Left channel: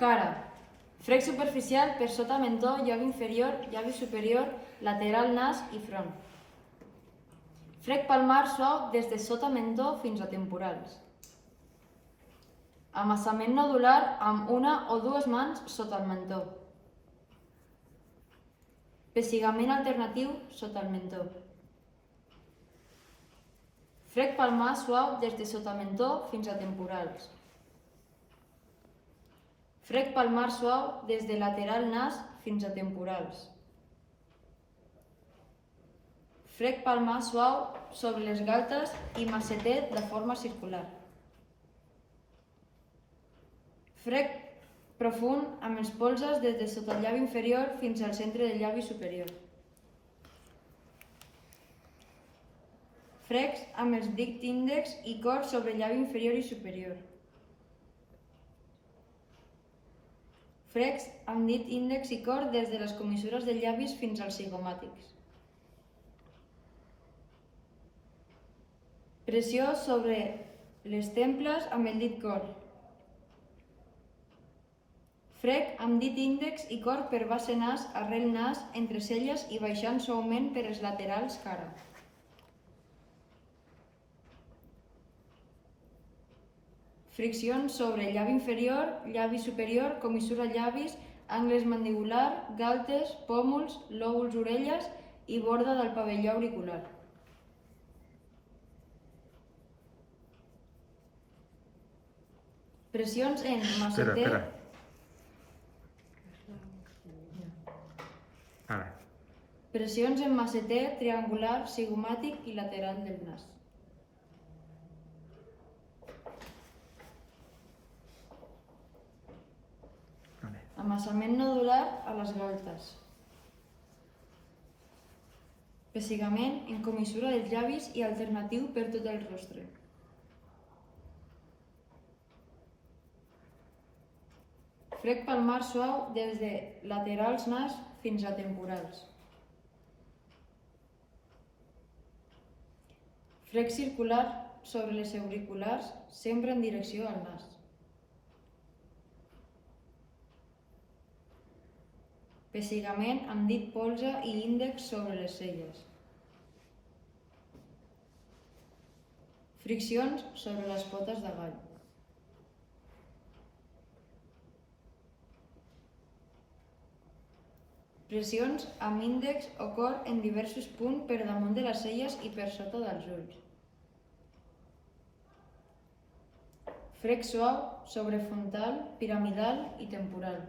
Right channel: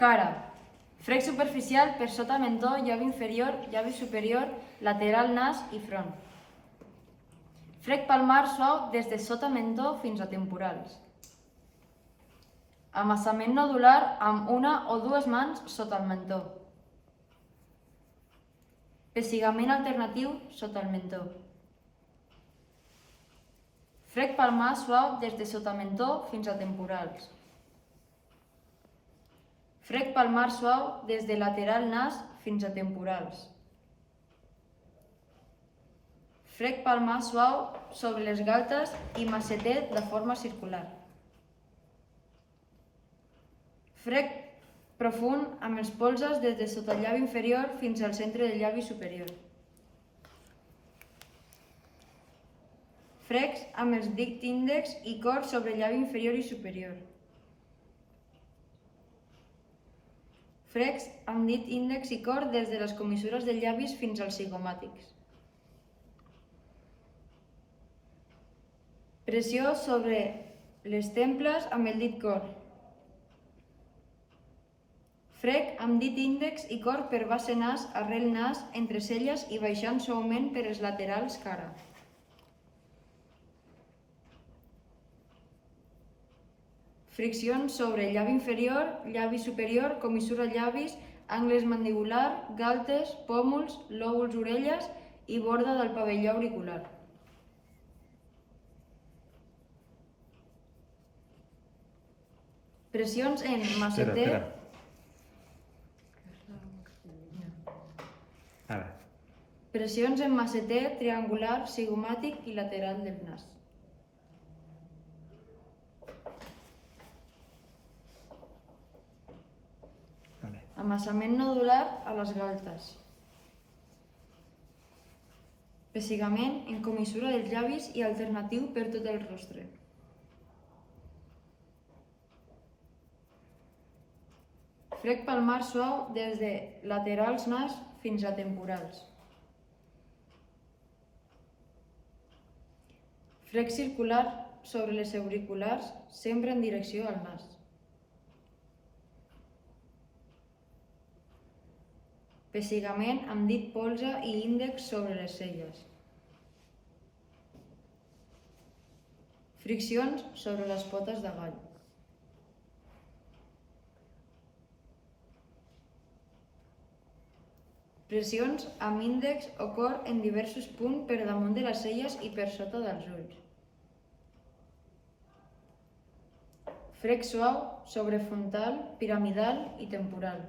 Cara. Frec superficial per sota mentó, llavi inferior, llavi superior, lateral nas i front. Frec palmar suau des de sota mentó fins a temporals. Amassament nodular amb una o dues mans sota el mentó. Pessigament alternatiu sota el mentó. Frec palmar suau des de sota mentó fins a temporals. Frec palmar suau des de lateral nas fins a temporals. Frec palmar suau sobre les galtes i massetet de forma circular. Frec profund amb els polzes des de sota el llavi inferior fins al centre del llavi superior. Frecs amb els dit índex i cor sobre el llavi inferior i superior. Frecs amb dit índex i cor des de les comissures dels llavis fins als zigomàtics. Pressió sobre les temples amb el dit cor. Frec amb dit índex i cor per base nas, arrel nas, entre celles i baixant suaument per els laterals cara. Friccions sobre el llavi inferior, llavi superior, comissura llavis, angles mandibular, galtes, pòmuls, lòbuls orelles i borda del pavelló auricular. Pressions en masseter. Pressions en masseter, triangular, zigomàtic i lateral del nas. Amassament nodular a les galtes. Pessigament en comissura dels llavis i alternatiu per tot el rostre. Frec palmar suau des de laterals nas fins a temporals. Frec circular sobre les auriculars, sempre en direcció al nas. Pessigament amb dit polze i índex sobre les celles. Friccions sobre les potes davall. Pressions amb índex o cor en diversos punts per damunt de les celles i per sota dels ulls. Frec suau sobre frontal, piramidal i temporal.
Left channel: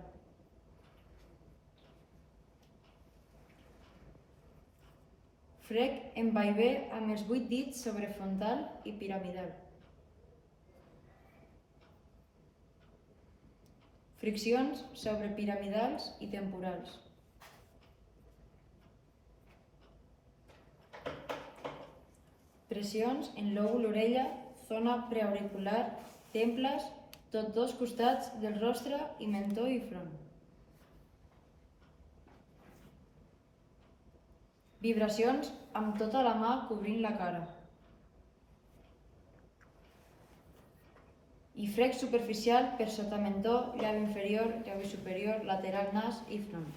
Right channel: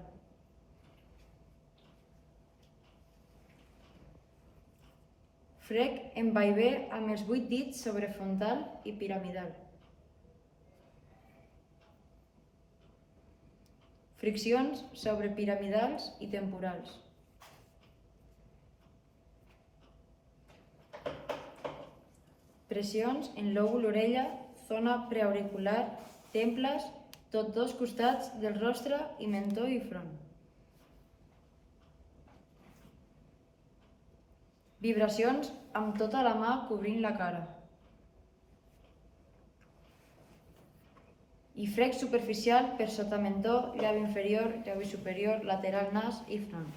Frec en vaivé amb els 8 dits sobre frontal i piramidal. Friccions sobre piramidals i temporals. Pressions en lòbul orella, zona preauricular, temples, tots dos costats del rostre i mentó i front. Vibracions amb tota la mà cobrint la cara. I frec superficial per sota mentó, llavi inferior, llavi superior, lateral nas i front.